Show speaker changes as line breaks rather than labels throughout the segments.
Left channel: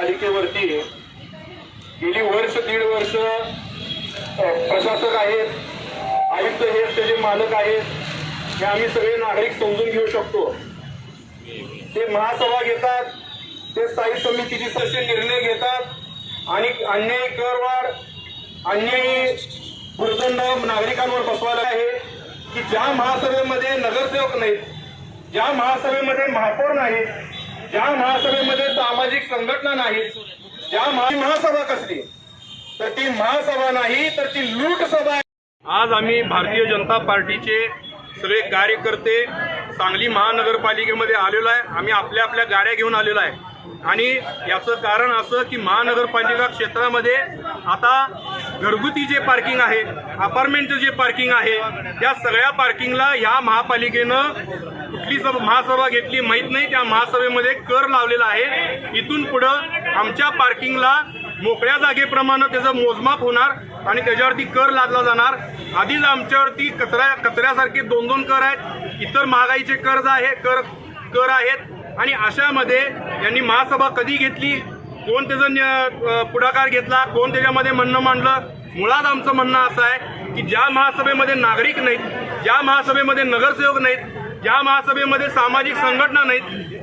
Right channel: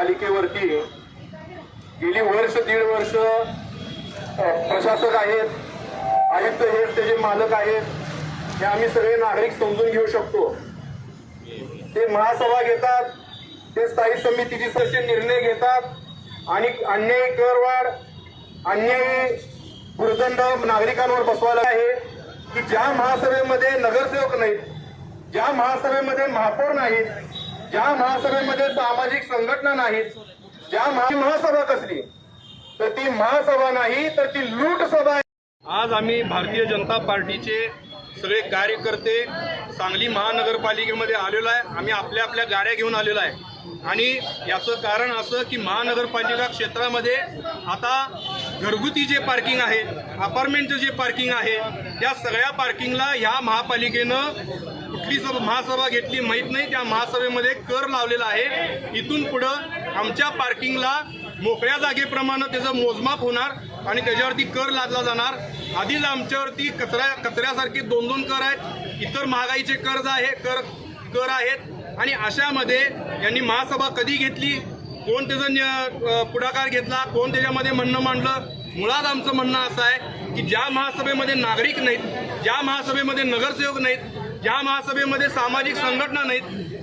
महापालिकेवरती गेली वर्ष दीड वर्ष प्रशासक आहेत आयुक्त हे त्याचे मालक आहेत हे आम्ही सगळे नागरिक समजून घेऊ शकतो. ते महासभा घेतात ते स्थायी समितीची सदस्य निर्णय घेतात आणि अन्यायी करवाढ अन्यायी भूर्दंड नागरिकांवर बसवायला आहे की ज्या महासभेमध्ये नगरसेवक नाहीत ज्या महासभेमध्ये महापौर नाहीत ज्या महासभेमध्ये सामाजिक संघटना नाहीत ज्या महासभा कसली तर ती महासभा नाही तर ती लूट सभा आहे. आज आम्ही भारतीय जनता पार्टीचे सगळे कार्यकर्ते सांगली महानगरपालिकेमध्ये आलेलो आहे. आम्ही आपल्या आपल्या गाड्या घेऊन आलेलो आहे. आणि याचं कारण असं की महानगरपालिका क्षेत्रामध्ये आता घरगुती जे पार्किंग आहे अपार्टमेंटचं जे पार्किंग आहे त्या सगळ्या पार्किंगला ह्या महापालिकेनं कुठली सभा महासभा घेतली माहीत नाही. त्या महासभेमध्ये कर लावलेला आहे. इथून पुढं आमच्या पार्किंगला मोकळ्या जागेप्रमाणे त्याचं मोजमाप होणार आणि त्याच्यावरती कर लादला जाणार. आधीच आमच्यावरती कचऱ्या कचऱ्यासारखे दोन दोन कर आहेत. इतर महागाईचे कर्ज आहे कर कर आहेत. आणि अशामध्ये यांनी महासभा कधी घेतली? कोण त्याचं न- पुढाकार घेतला? कोण त्याच्यामध्ये म्हणणं मांडलं? मुळात आमचं म्हणणं असं आहे की ज्या महासभेमध्ये नागरिक नाहीत ज्या महासभेमध्ये नगरसेवक नाहीत ज्या महासभेमध्ये सामाजिक संघटना नाहीत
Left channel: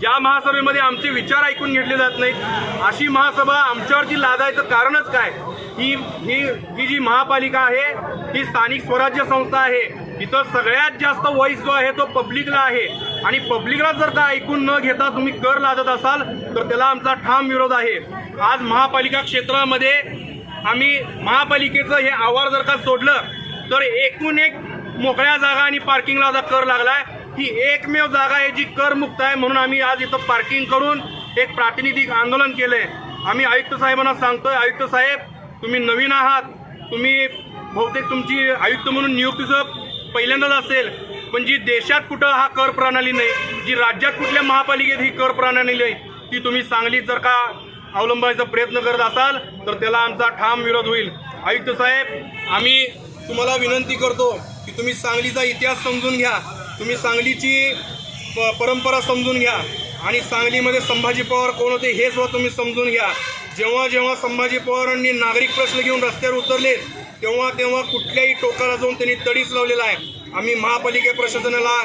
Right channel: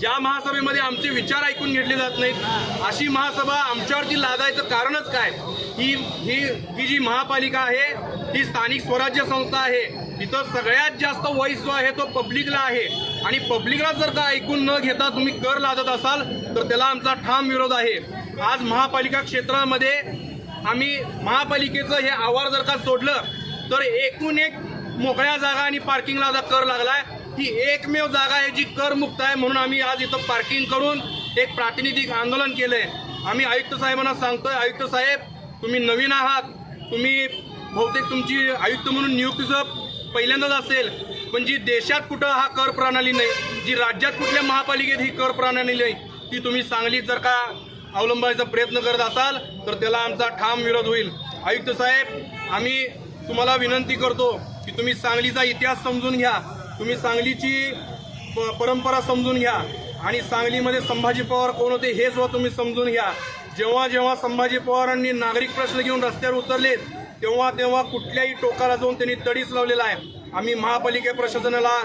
ज्या महासभेमध्ये आमचे विचार ऐकून घेतले जात नाहीत अशी महासभा आमच्यावरती लादायचं कारणच काय? ही ही ही जी महापालिका आहे ही स्थानिक स्वराज्य संस्था आहे इथं सगळ्यात जास्त वॉइस जो आहे तो पब्लिकला आहे. आणि पब्लिकला जर का ऐकून न घेता तुम्ही कर लादत असाल तर त्याला आमचा ठाम विरोध आहे. आज महापालिका क्षेत्रामध्ये आम्ही महापालिकेचं हे आवार जर का सोडलं तर एकूण एक मोकळ्या जागा आणि पार्किंगला आता कर लागलाय. ही एकमेव जागा आहे जी करमुक्त आहे म्हणून आम्ही आज इथं पार्किंग करून एक प्रातिनिधिक आंदोलन केलंय. आम्ही आयुक्त साहेबांना सांगतोय आयुक्त साहेब तुम्ही नवीन आहात. तुम्ही बहुतेक तुमची आयुक्त म्हणून नियुक्तीचं पहिल्यांदाच असेल पण जी देशात कुठं हा कर प्रणाली नाही जी राज्यात कुठल्या महापालिकेत ही कर प्रणाली नाही ती तुम्ही सांगलीत जर का अवलंबायचा प्रयत्न करत असाल तर त्याला आमचा ठाम विरोध होईल. आयुक्त साहेब आम्ही तुम्हाला विनंती करतो की तुम्ही सांगलीचा इतिहास समजून घ्या. तुम्ही सांगलीची प- परंपरा समजून घ्या. आणि सांगलीमध्ये संभाजी पवार कोण होते हे सुद्धा तुम्ही समजून घ्या. जेव्हा जेव्हा संभाजी पवारांनी नागरिक प्रश्न घेऊन रस्त्यावर उतरलेत तेव्हा तेव्हा कुठल्याही टोकाला जाऊन त्यांनी तडीच लावलेला आहे. आम्ही महापालिका प्रशासनाला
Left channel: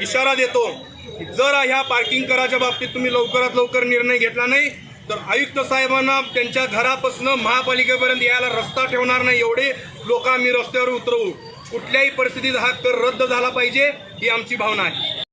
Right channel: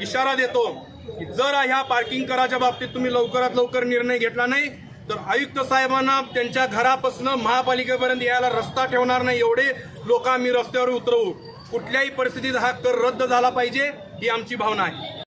इशारा देतो जर ह्या पार्किंग कराच्या बाबतीत तुम्ही लवकरात लवकर निर्णय घेतला नाही तर आयुक्त साहेबांना त्यांच्या घरापासून महापालिकेपर्यंत यायला रस्ता ठेवणार नाही एवढे लोक आम्ही रस्त्यावर उतरवू. कुठल्याही परिस्थितीत हा कर रद्द झाला पाहिजे ही आमची भावना आहे.